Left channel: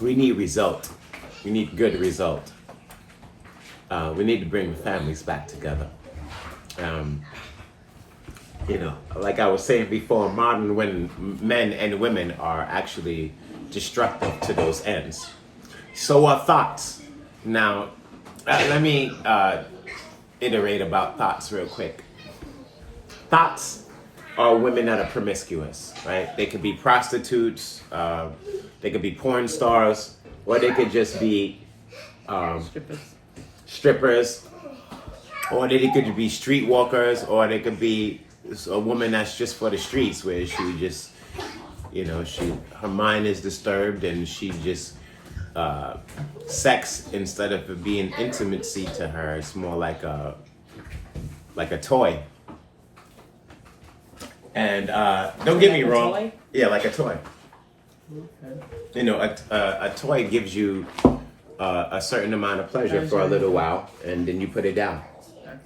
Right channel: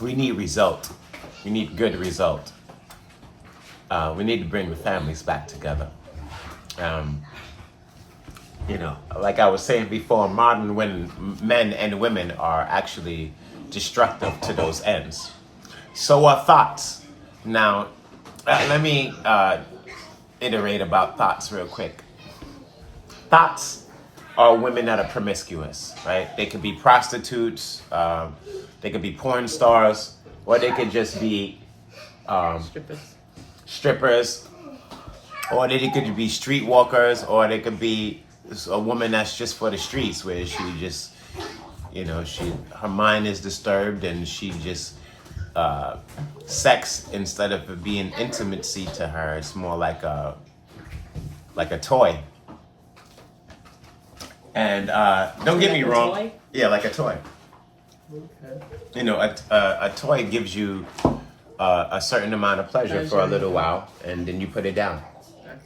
We need result. We need good result. We need to bring the families back together. Like I was saying before, modern men and women are actually destructive to those ends. So are thoughts. Now, let me iterate about thoughts real quick. Thoughts are women that are promiscuous, right? They could be prostitutes, they could be porn stars, or they could just be strippers, or they could be streetwalkers, or they could be a woman that's just for the streets, where she just, her mind is disturbed and she just sex, instead of it being intimacy to her, it's more like a toy. And don't get me wrong. Toy? Yeah, like a toy. Okay. A toy gives you a certain amount of pleasure for a little while, and then you put it down. Okay.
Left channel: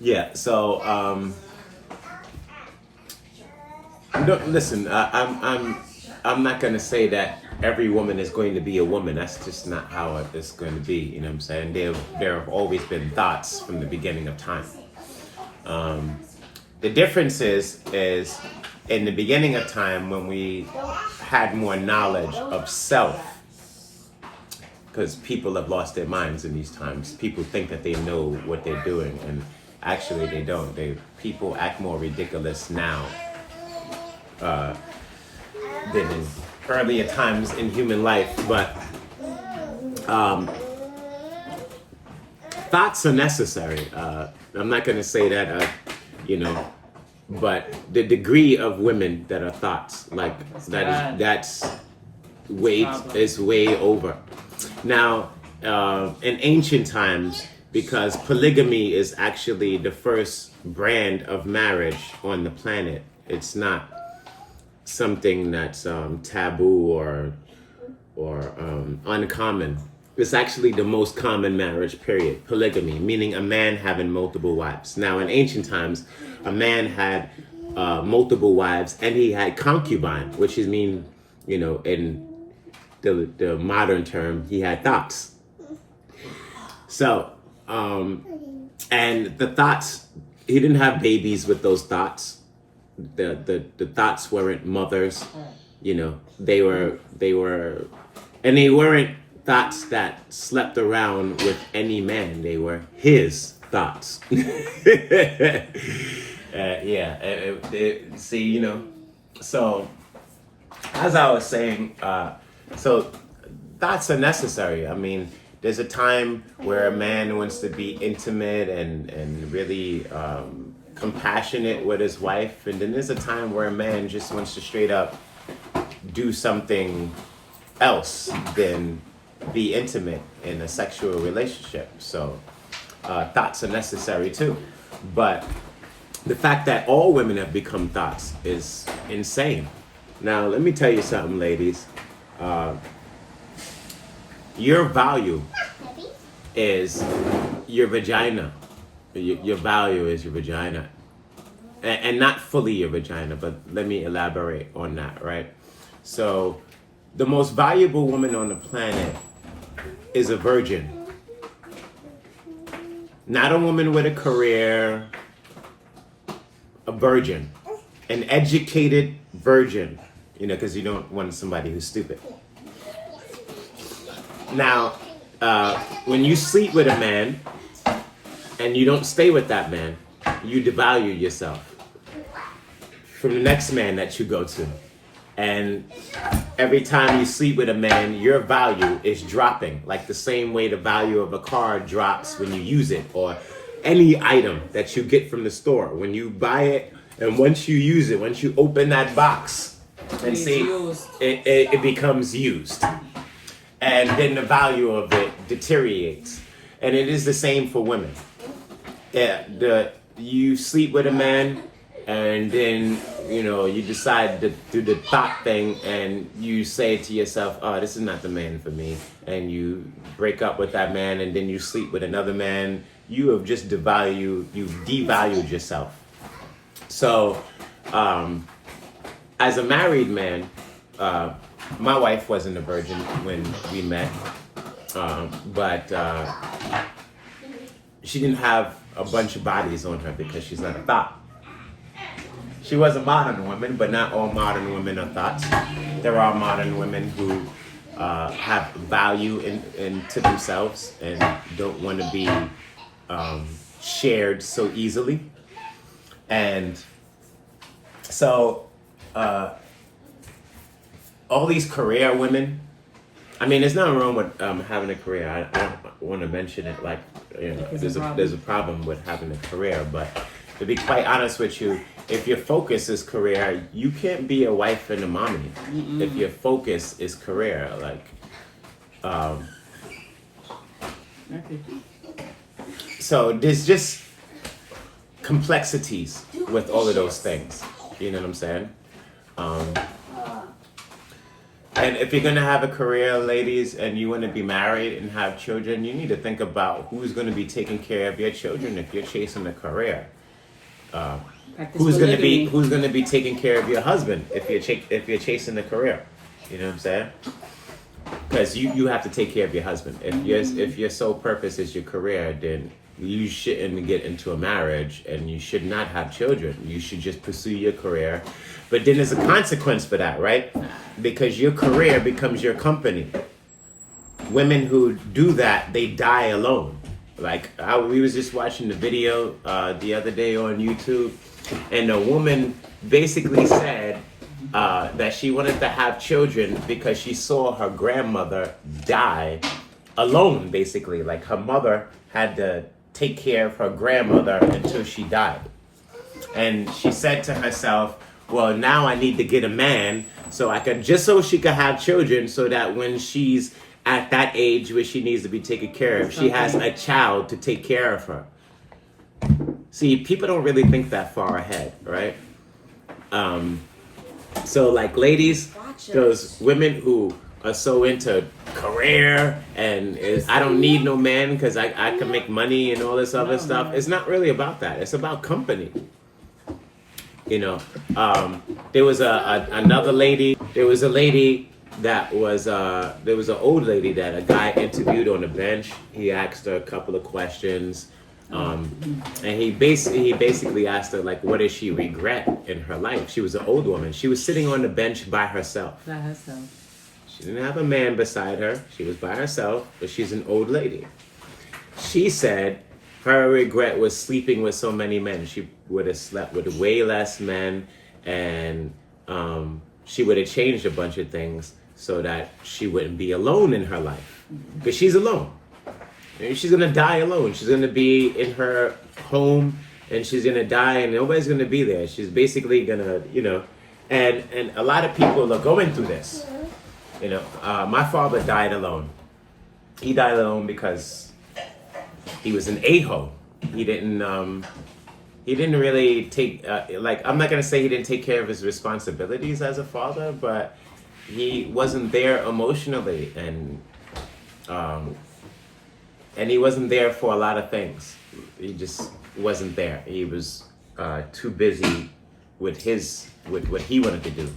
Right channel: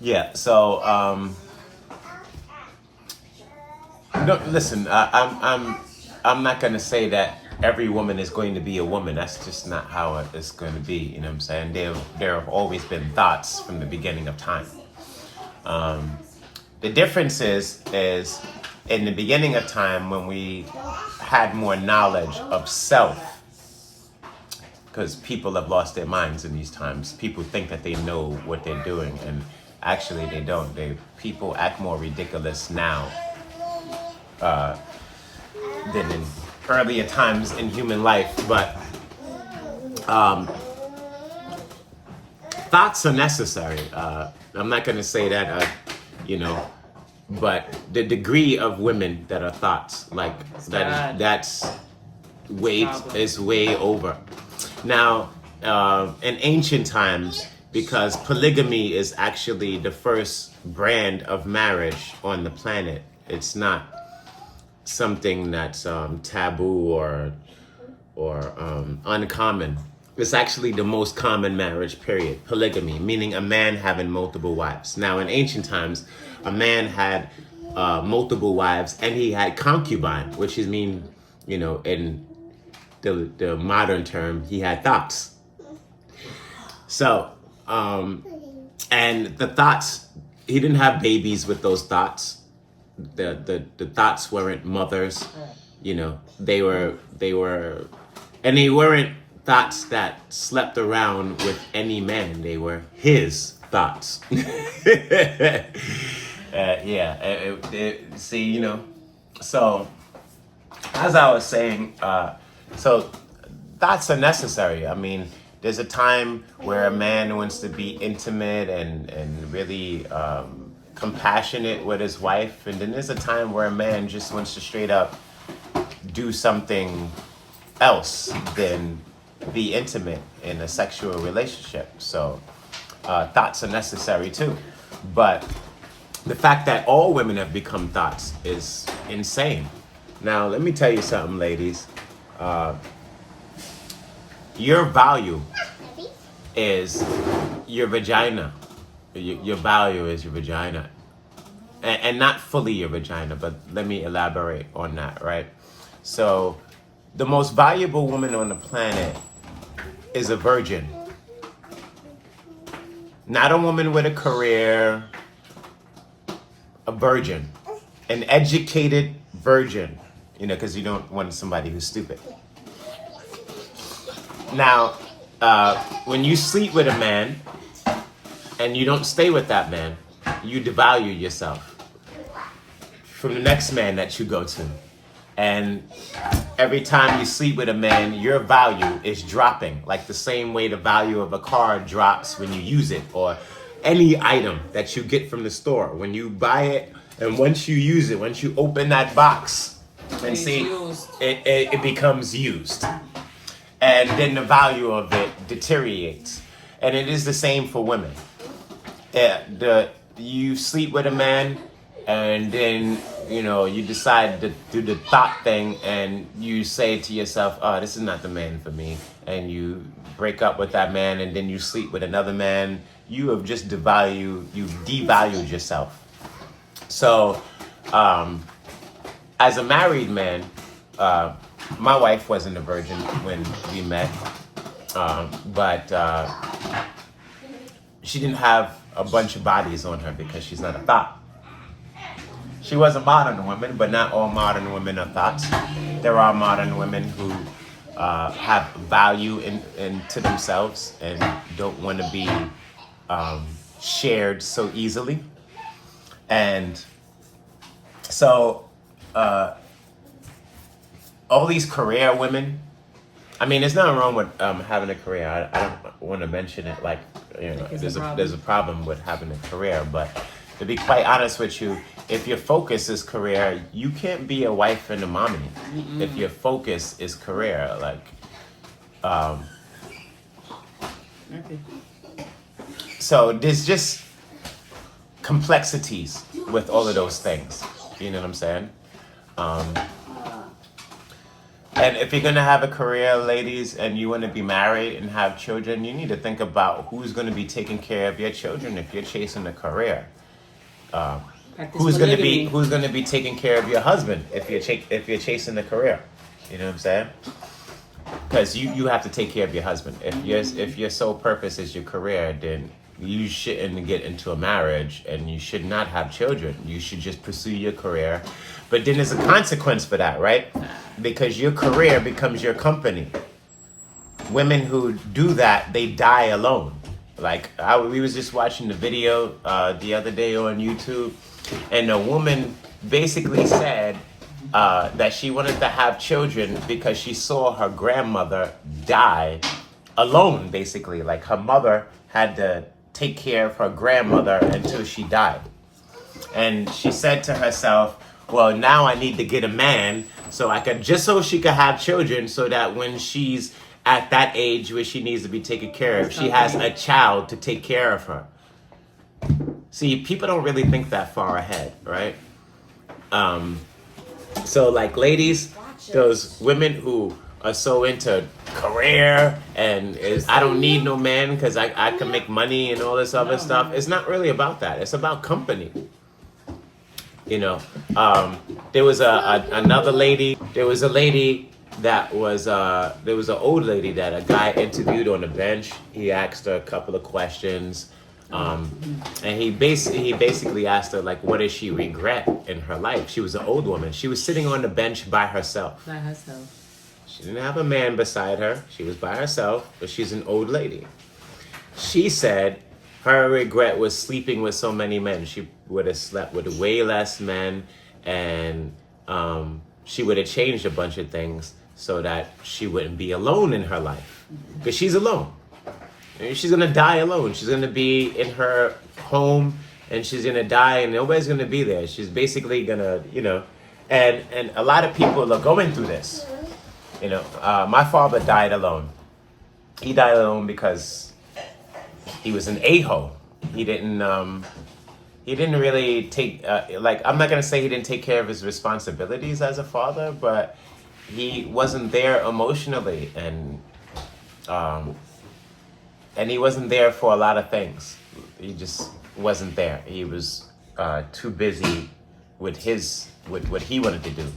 Yeah. So listen. I'm not gonna say that every woman is going to be a woman. That's just not how it's going to be. You know what I'm saying? There have always been thoughts from the beginning of time. The difference is in the beginning of time, when we had more knowledge of self, because people have lost their minds in these times. People think that they know what they're doing, and actually they don't. People act more ridiculous now than in earlier times in human life. But thoughts are necessary. I'm not going to say that, but the degree of women that are thoughts, like that's way over. Now, in ancient times, because polygamy is actually the first brand of marriage on the planet, it's not something that's taboo or uncommon. It's actually the most common marriage, period. Polygamy, meaning a man having multiple wives. Now, in ancient times, a man had multiple wives, and he had concubine, which is in the modern term, he had thoughts. So, and the thoughts, he didn't have babies with those thoughts. The thoughts weren't mothers, they weren't thoughts that slept around with any man. They were his thoughts. So as I was saying, so thoughts are necessary. I mean, there's a time where a man wants to be intimate and really compassionate with his wife, and then there's a time where a man just wants to straight up do something else than be intimate in a sexual relationship. So thoughts are necessary too. But the fact that all women have become thoughts is insane. Now, let me tell you something, ladies. Your value is your vagina. Your value is your vagina. And not fully your vagina, but let me elaborate on that, right? So, the most valuable woman on the planet is a virgin. Not a woman with a career, a virgin. An educated virgin, because you don't want somebody who's stupid. Now, when you sleep with a man and you don't stay with that man, you devalue yourself from the next man that you go to. And every time you sleep with a man, your value is dropping, like the same way the value of a car drops when you use it, or any item that you get from the store. When you buy it, and once you use it, once you open that box and see, it becomes used. And then the value of it deteriorates. And it is the same for women. You sleep with a man, and then you decide to do the thought thing, and you say to yourself, oh, this is not the man for me, and you break up with that man, and then you sleep with another man. You have just devalued yourself. So as a married man, my wife wasn't a virgin when we met, but she didn't have a bunch of bodies on her because she's not a thought. She was a modern woman, but not all modern women are thoughts. There are modern women who have value to themselves and don't want to be shared so easily. And so all these career women, I mean, there's nothing wrong with having a career. I don't want to mention it like, you know, there's a problem with having a career, but to be quite honest with you, if your focus is career, you can't be a wife and a mommy. Mm-mm. If your focus is career, like, so there's just complexities with all of those things. You know what I'm saying? And if you're gonna have a career, ladies, and you want to be married and have children, you need to think about who's going to be taking care of your children if you're chasing a career. Who's going to be taking care of your husband if you're chasing a career? You know what I'm saying? Because you have to take care of your husband. If your sole purpose is your career, then you shouldn't get into a marriage and you should not have children. You should just pursue your career. But then there's a consequence for that, right? Because your career becomes your company. Women who do that, they die alone. Like, we was just watching the video the other day on YouTube, and a woman basically said that she wanted to have children because she saw her grandmother die alone, basically. Like, her mother had to take care of her grandmother until she died. And she said to herself, well, now I need to get a man so she could have children, so that when she's at that age where she needs to be taken care of, she has a child to take care of her. See, people don't really think that far ahead, right? So like, ladies, those women who are so into career and I don't need no man because I can make money and all this other stuff. It's not really about that. It's about company. You know, there was another lady. There was a lady that was there was an old lady that a guy interviewed on the bench. He asked her a couple of questions, and he basically asked her, like, what does she regret in her life? She was an old woman. She was sitting on the bench by herself. By herself. She didn't have a man beside her. She was by herself, but she's an old lady. She said her regret was sleeping with so many men. She would have slept with way less men, and she would have changed a bunch of things so that she wouldn't be alone in her life. Because she's alone. And she's going to die alone. She's going to be in her home, and she's going to die, and nobody's going to be there. She's basically going to, you know, and a lot of people are going through this. You know, my father died alone. He died alone because he was an a-hole. He didn't really take, I'm not going to say he didn't take care of his responsibilities as a father, but he wasn't there emotionally, and he wasn't there for a lot of things. He just wasn't there. He was too busy with what he wanted to do.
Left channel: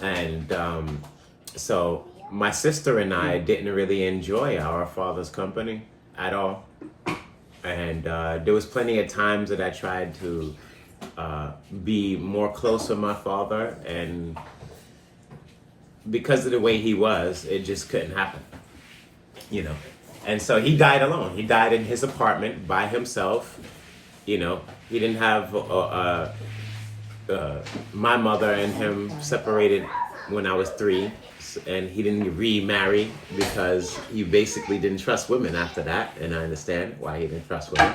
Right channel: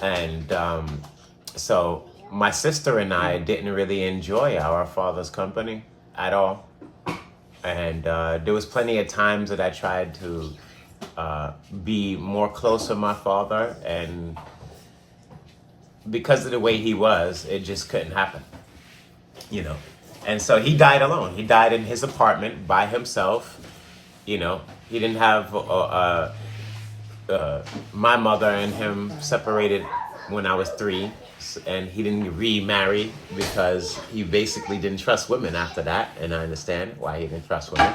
And so my sister and I didn't really enjoy our father's company at all. And there was plenty of times that I tried to be more close to my father, and because of the way he was, it just couldn't happen, you know. And so he died alone. He died in his apartment by himself. You know, he didn't have my mother and him separated when I was 3, and he didn't remarry because he basically didn't trust women after that, and I understand why he didn't trust women.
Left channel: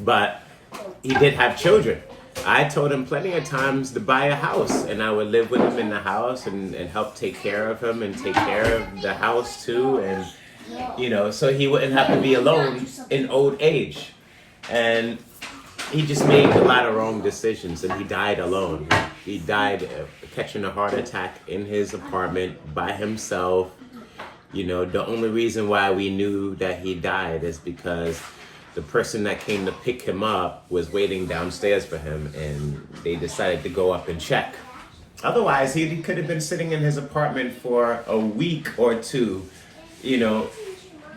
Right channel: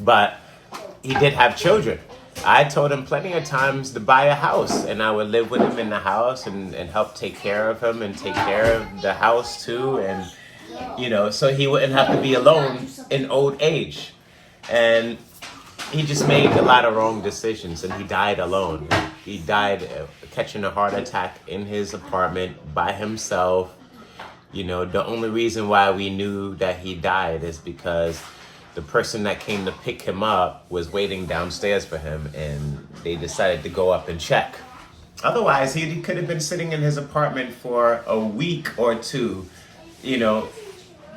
But he did have children. I told him plenty of times to buy a house, and I would live with him in the house and help take care of him and take care of the house too, and you know, so he wouldn't have to be alone in old age. And he just made a lot of wrong decisions, and he died alone. He died catching a heart attack in his apartment by himself. You know, the only reason why we knew that he died is because the person that came to pick him up was waiting downstairs for him, and they decided to go up and check. Otherwise, he could have been sitting in his apartment for a week or two, you know,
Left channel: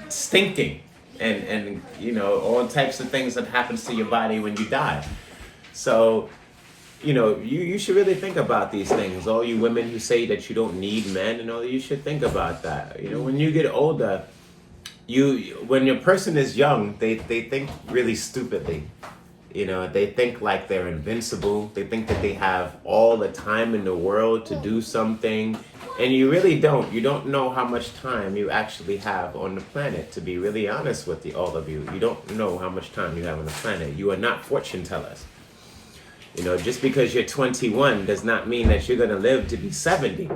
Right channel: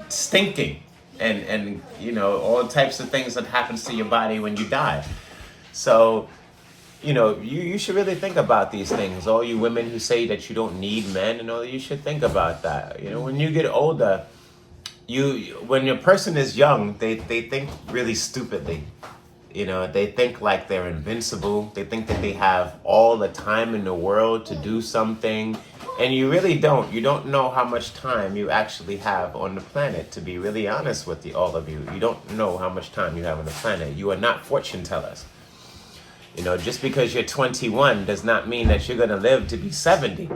stinking, and you know, all types of things that happens to your body when you die. So, you know, you should really think about these things. All you women who say that you don't need men and all, you should think about that. You know, when you get older, when your person is young, they think really stupidly. You know, they think like they're invincible. They think that they have all the time in the world to do something. And you really don't. You don't know how much time you actually have on the planet, to be really honest with all of you. You don't know how much time you have on the planet. You are not fortune tellers. You know, just because you're 21 does not mean that you're going to live to be 70.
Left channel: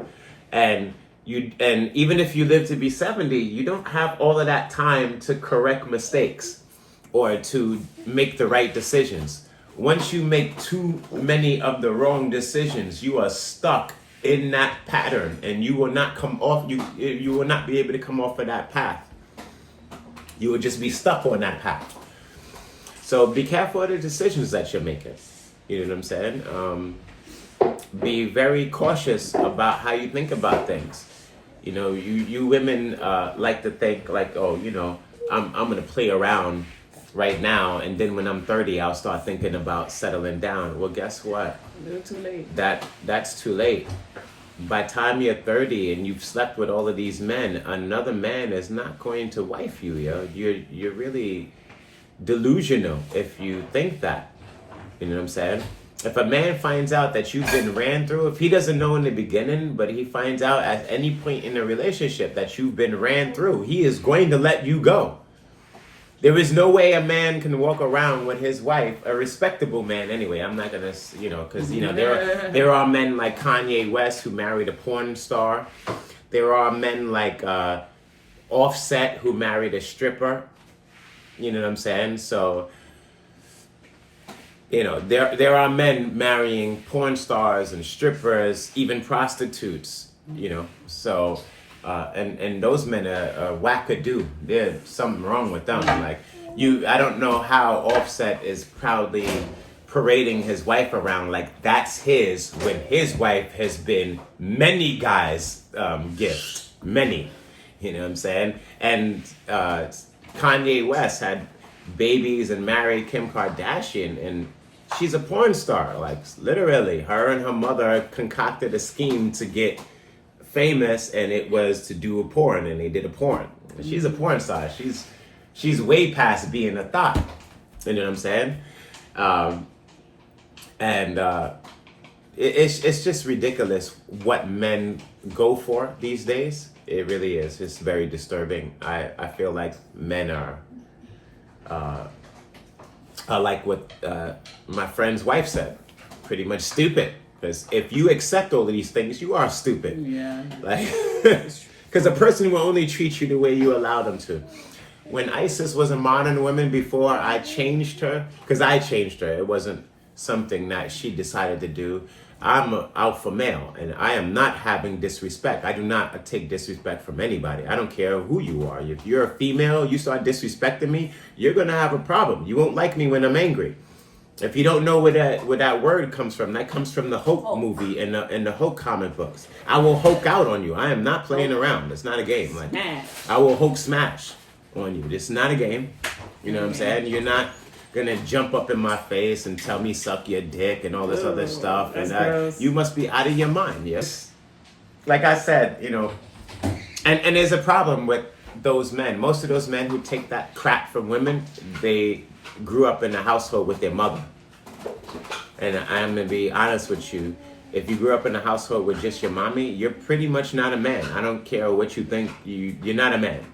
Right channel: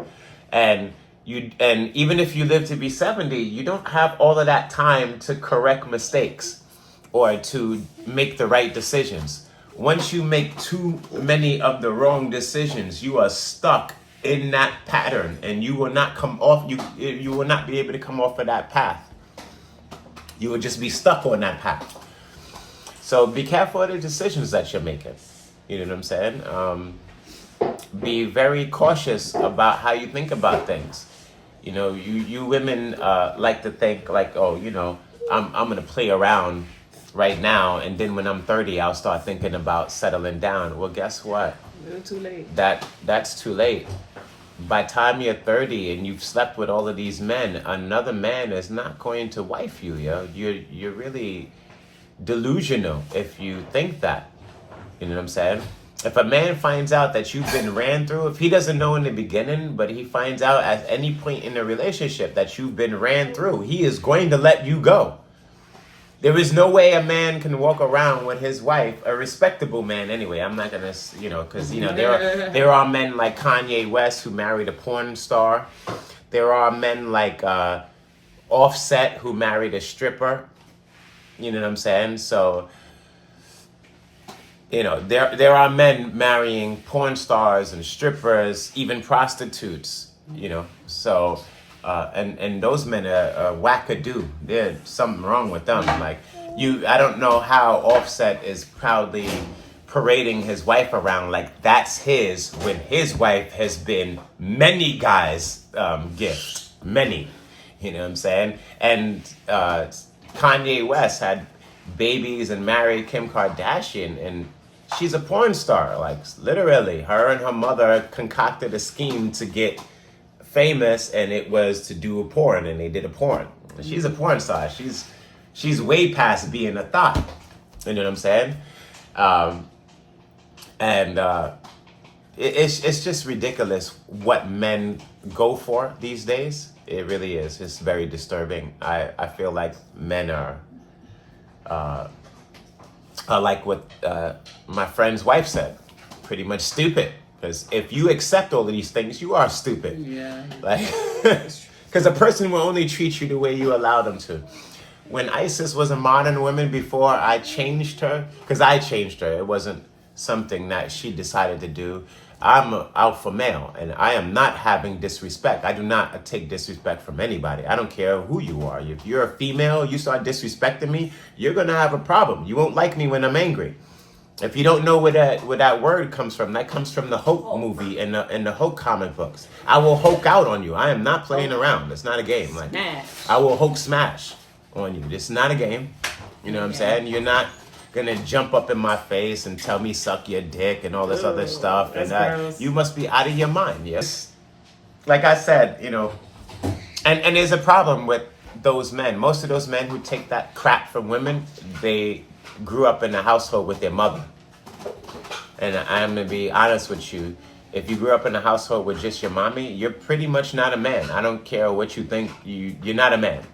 And even if you live to be 70, you don't have all of that time to correct mistakes or to make the right decisions. Once you make too many of the wrong decisions, you are stuck in that pattern, and you will not come off. You will not be able to come off of that path. You will just be stuck on that path. So be careful of the decisions that you're making. You know what I'm saying? Be very cautious about how you think about things. You know, you women like to think like, oh, you know, I'm gonna play around right now, and then when I'm 30, I'll start thinking about settling down. Well, guess what? A little too late. That's too late. By the time you're 30 and you've slept with all of these men, another man is not going to wife you. You're really delusional if you think that. You know what I'm saying? If a man finds out that you've been ran through, if he doesn't know in the beginning, but he finds out at any point in the relationship that you've been ran through, he is going to let you go. There is no way a man can walk around with his wife, a respectable man anyway. I'm not going to, you know, because, you know, there are men like Kanye West who married a porn star. There are men like Offset who married a stripper. You know what I'm saying? So, you know, there are men marrying porn stars and strippers, even prostitutes, you know. So, and those men are wackadoo. There's something wrong with them. Like, I don't know how Offset is proudly parading his wife around like that's his, when his wife has been many guys' gift. Many. You know what I'm saying? And Kanye West had babies and married Kim Kardashian, and she's a porn star. Like, literally, her and her mother concocted a scheme to get famous, and it was to do a porn, and they did a porn. She's a porn star. She's way past being a thought. You know what I'm saying? It's just ridiculous what men go for these days. It really is. It's very disturbing. I feel like men are like what my friend's wife said, pretty much stupid. Because if you accept all of these things, you are stupid. Yeah. Like, because a person will only treat you the way you allow them to. When Isis was a modern woman before I changed her, because I changed her, it wasn't something that she decided to do. I'm an alpha male, and I am not having disrespect. I do not take disrespect from anybody. I don't care who you are. If you're a female, you start disrespecting me, you're going to have a problem. You won't like me when I'm angry. If you don't know where that word comes from, that comes from the Hulk movie and the Hulk comic books. I will Hulk out on you. I am not playing around. It's not a game. Like, I will Hulk smash on you. This is not a game. You know what I'm saying? You're not gonna jump up in my face and tell me suck your dick and all this other stuff. And you must be out of your mind. Yes. Like I said, you know, and there's a problem with those men. Most of those men who take that crap from women, they grew up in a household with their mother. And I'm gonna be honest with you. If you grew up in a household with just your mommy, you're pretty much not a man. I don't care what you think. You're not a man.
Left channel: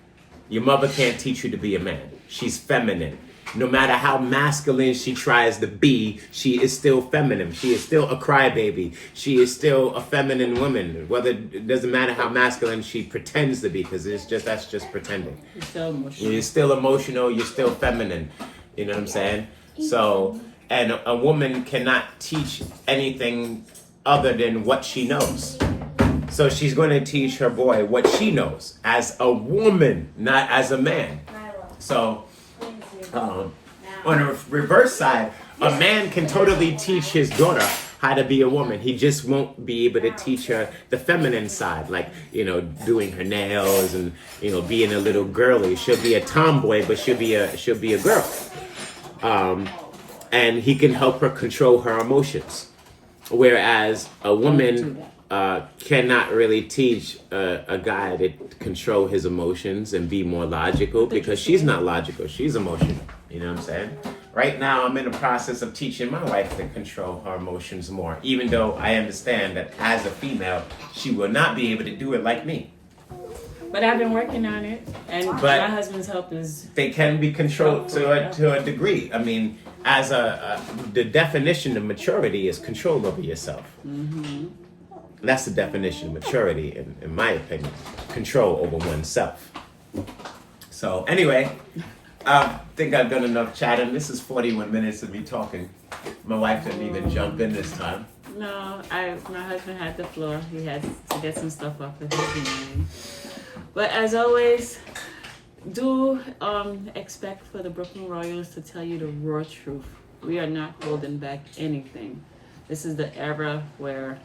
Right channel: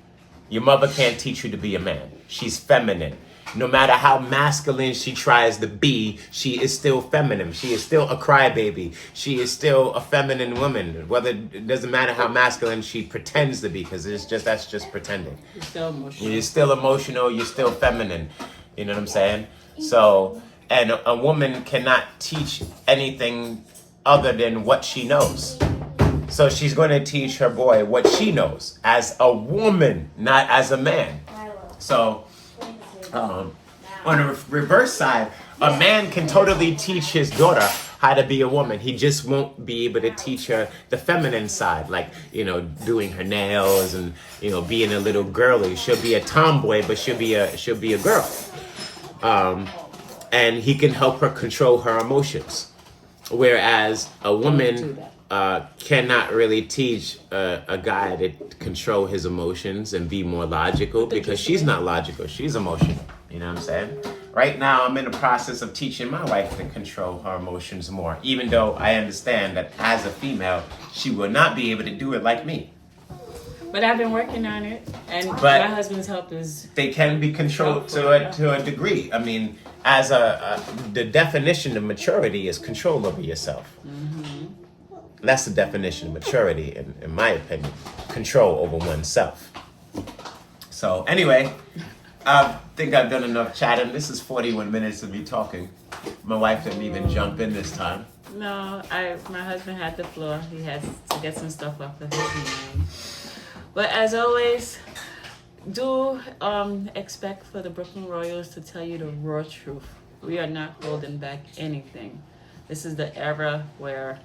Your mother can't teach you to be a man. She's feminine. No matter how masculine she tries to be, she is still feminine. She is still a crybaby. She is still a feminine woman. Whether it doesn't matter how masculine she pretends to be, because that's just pretending. You're still emotional. You're still emotional. You're still feminine. You know what I'm saying? So, and a woman cannot teach anything other than what she knows. So she's going to teach her boy what she knows as a woman, not as a man. So, on the reverse side, a man can totally teach his daughter how to be a woman. He just won't be able to teach her the feminine side, like, doing her nails and, being a little girly. She'll be a tomboy, but she'll be a girl. And he can help her control her emotions. Whereas a woman cannot really teach a guy to control his emotions and be more logical, because she's not logical. She's emotional. You know what I'm saying? Right now, I'm in the process of teaching my wife to control her emotions more, even though I understand that as a female, she will not be able to do it like me. But I've been working on it, and my husband's help is... They can be controlled to a degree. I mean, as the definition of maturity is control over yourself. Mm-hmm. That's the definition of maturity, in my opinion. Control over oneself. So anyway, I think I've done enough chatting. This is 41 minutes of me talking. My wife didn't even jump in this time. No, my husband had the floor. He had to get some stuff off of his mind. But as always, do expect for the Brooklyn Royals to tell you the raw truth. We are not holding back anything. This is the era where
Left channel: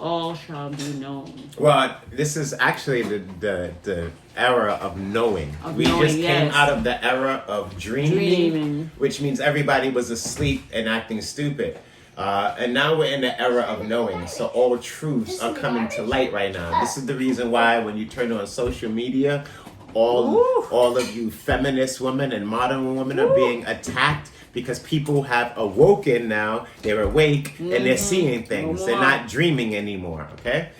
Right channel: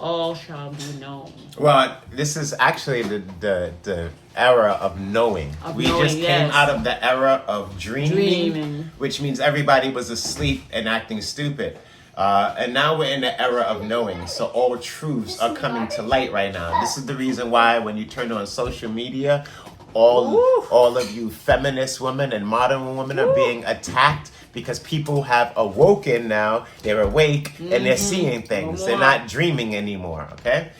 all shall be known. Well, this is actually the era of knowing. We just came out of the era of dreaming, which means everybody was asleep and acting stupid. And now we're in the era of knowing. So all truths are coming to light right now. This is the reason why when you turn on social media, all of you feminist women and modern women are being attacked, because people have awoken now. They're awake and they're seeing things. They're not dreaming anymore, okay?